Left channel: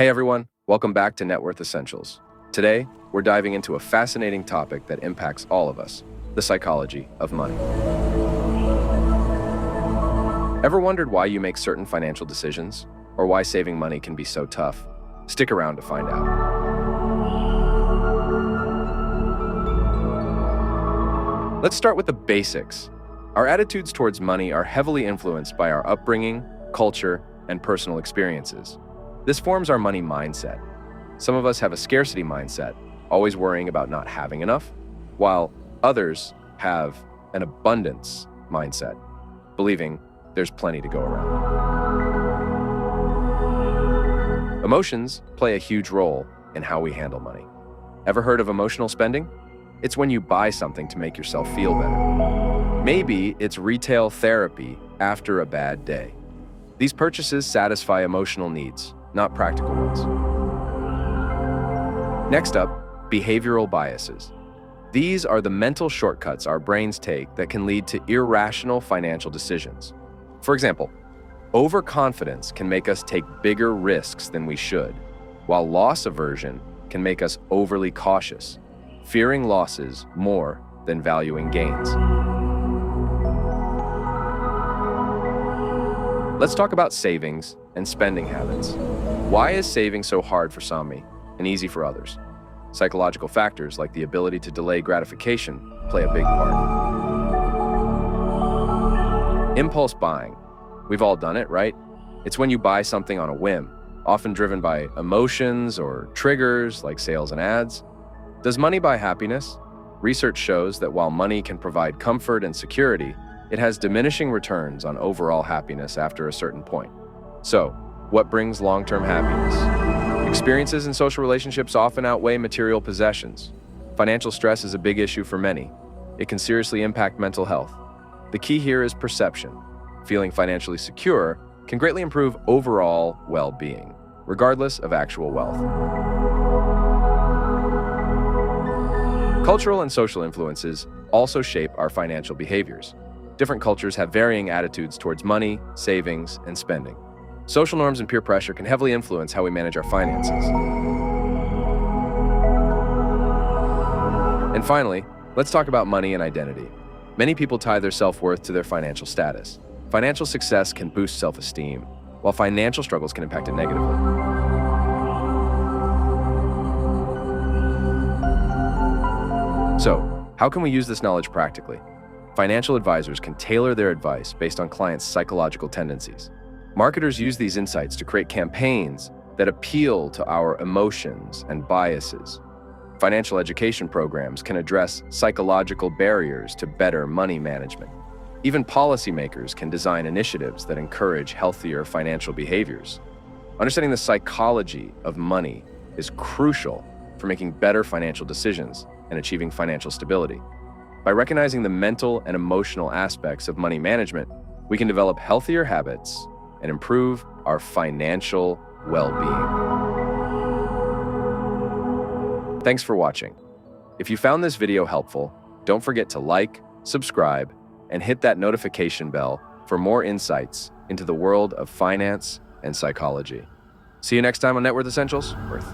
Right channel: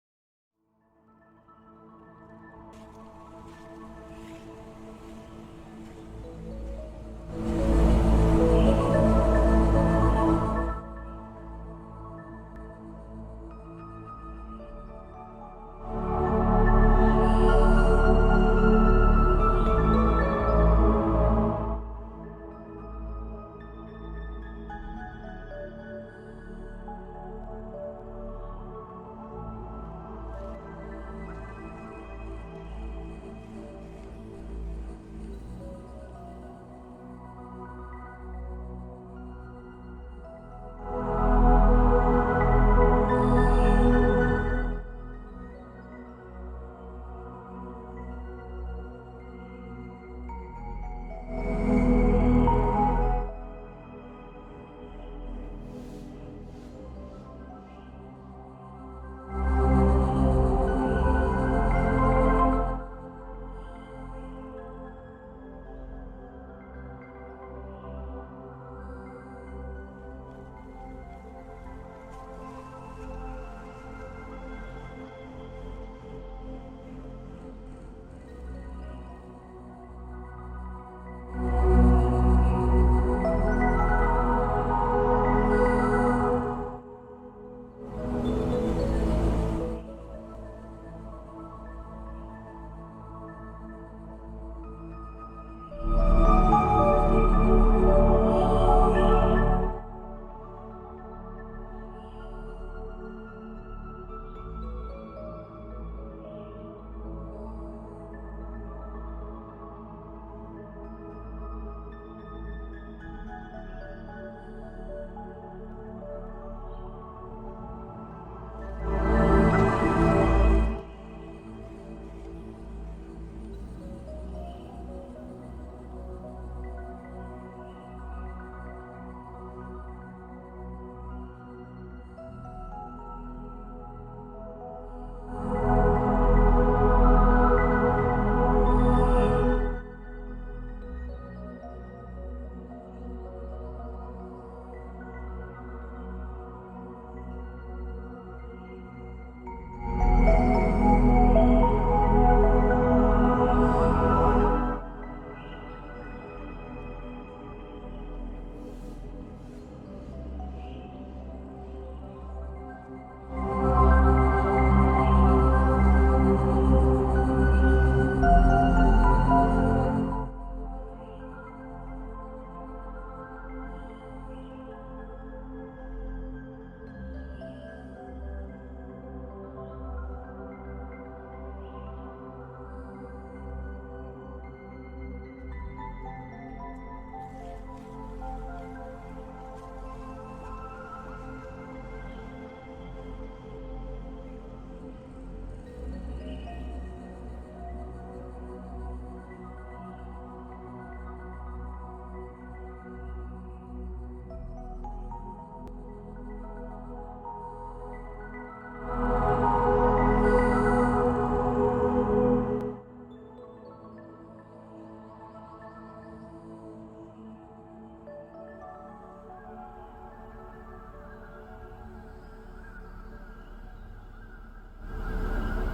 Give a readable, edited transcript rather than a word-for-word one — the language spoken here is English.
Hey everyone, welcome back to Net Worth Essentials. Today, we're diving into a fascinating topic that impacts all of us, the psychology of money. Ever wondered why you make certain financial decisions, or why saving money can be so tough? Stick around to find out. Let's start with the basics. Our attitudes towards money are heavily influenced by our upbringing, culture, and personal experiences. This forms our money mindset. Some of us have a scarcity mindset, always worrying about not having enough, while others have an abundance mindset, believing there's plenty to go around. Emotions play a huge role in how we handle money. Ever heard of emotional spending? It's when you buy something to make yourself feel better. Maybe it's retail therapy after a bad day. These purchases satisfy emotional needs, not practical ones. Next up, behavioral biases. These are the mental shortcuts our brains take that can lead to irrational financial decisions. For example, overconfidence can make us take bigger risks than we should, while loss aversion can make us overly cautious, fearing losses more than valuing gains. Let's talk about savings and spending habits. Why is saving so hard for some and easy for others? Psychological factors like the ability to delay gratification play a big part. Impulse buying. We've all done it, right? It's when you buy something on a whim, often driven by emotions or triggers like sales and ads. Does money buy happiness? Research shows that while money can provide comfort and security, it has diminishing returns on overall happiness after a certain point. So, what brings long-term happiness? Experiences in social relationships often outweigh material possessions. Financial stress is a big issue for many. It can seriously impact mental health. The key here is perception. Feeling financially secure can greatly improve overall well-being, regardless of actual wealth. Cultural and social influences also shape our financial behaviors. Different cultures have varying attitudes towards money, savings, and spending. Social norms and peer pressure can heavily influence how we manage our finances. And finally, let's talk about money and identity. Many people tie their self-worth to their financial status. Financial success can boost self-esteem, while financial struggles can impact it negatively. So, how can we use this knowledge practically? Financial advisors can tailor their advice based on clients' psychological tendencies. Marketers use these insights to create campaigns that appeal to our emotions and biases. Financial education programs can address psychological barriers to better money management. Even policymakers can design initiatives that encourage healthier financial behaviors. Understanding the psychology of money is crucial for making better financial decisions and achieving financial stability. By recognizing the mental and emotional aspects of money management, we can develop healthier habits and improve our financial well-being. Thanks for watching. If you found this video helpful, don't forget to like, subscribe, and hit that notification bell for more insights into the world of finance and psychology. See you next time on Net Worth Essentials. Worth.